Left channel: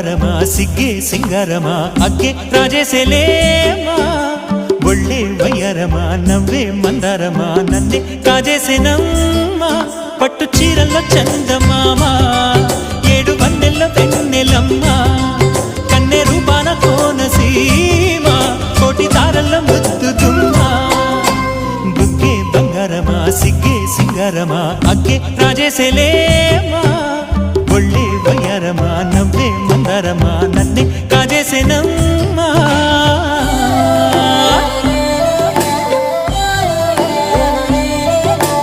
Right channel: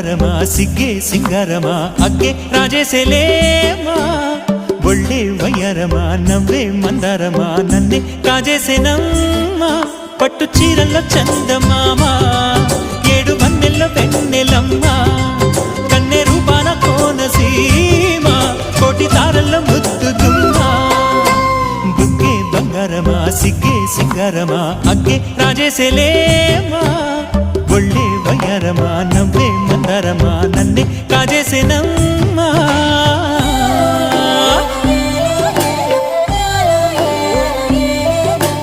ಬಂಗಾರಮಾ ಸಿಗ್ಗೆ ಸಿಂಗಾರಮಾ ಅಗ್ಗೆ ರಾಜೇಸೆಲೇಮಾ ಒಳ್ಳೆ వయ్యారమా నవ్వే మందారమా నన్నే కాజేసేనమ్మా పట్టు చీరల్లో చందమామ ఏడు వన్నెల్లో వెన్నెలమ్మ కన్నె రూపాన కోనసీమ కోటి తారల్లో ముద్దు గుమ్మ బుగ్గే బంగారమా సిగ్గే సింగారమా అగ్గే రాజేసెలేమా ఒళ్ళే వయ్యారమా నవ్వే మందారమా నన్నే కాజేసేనమ్మా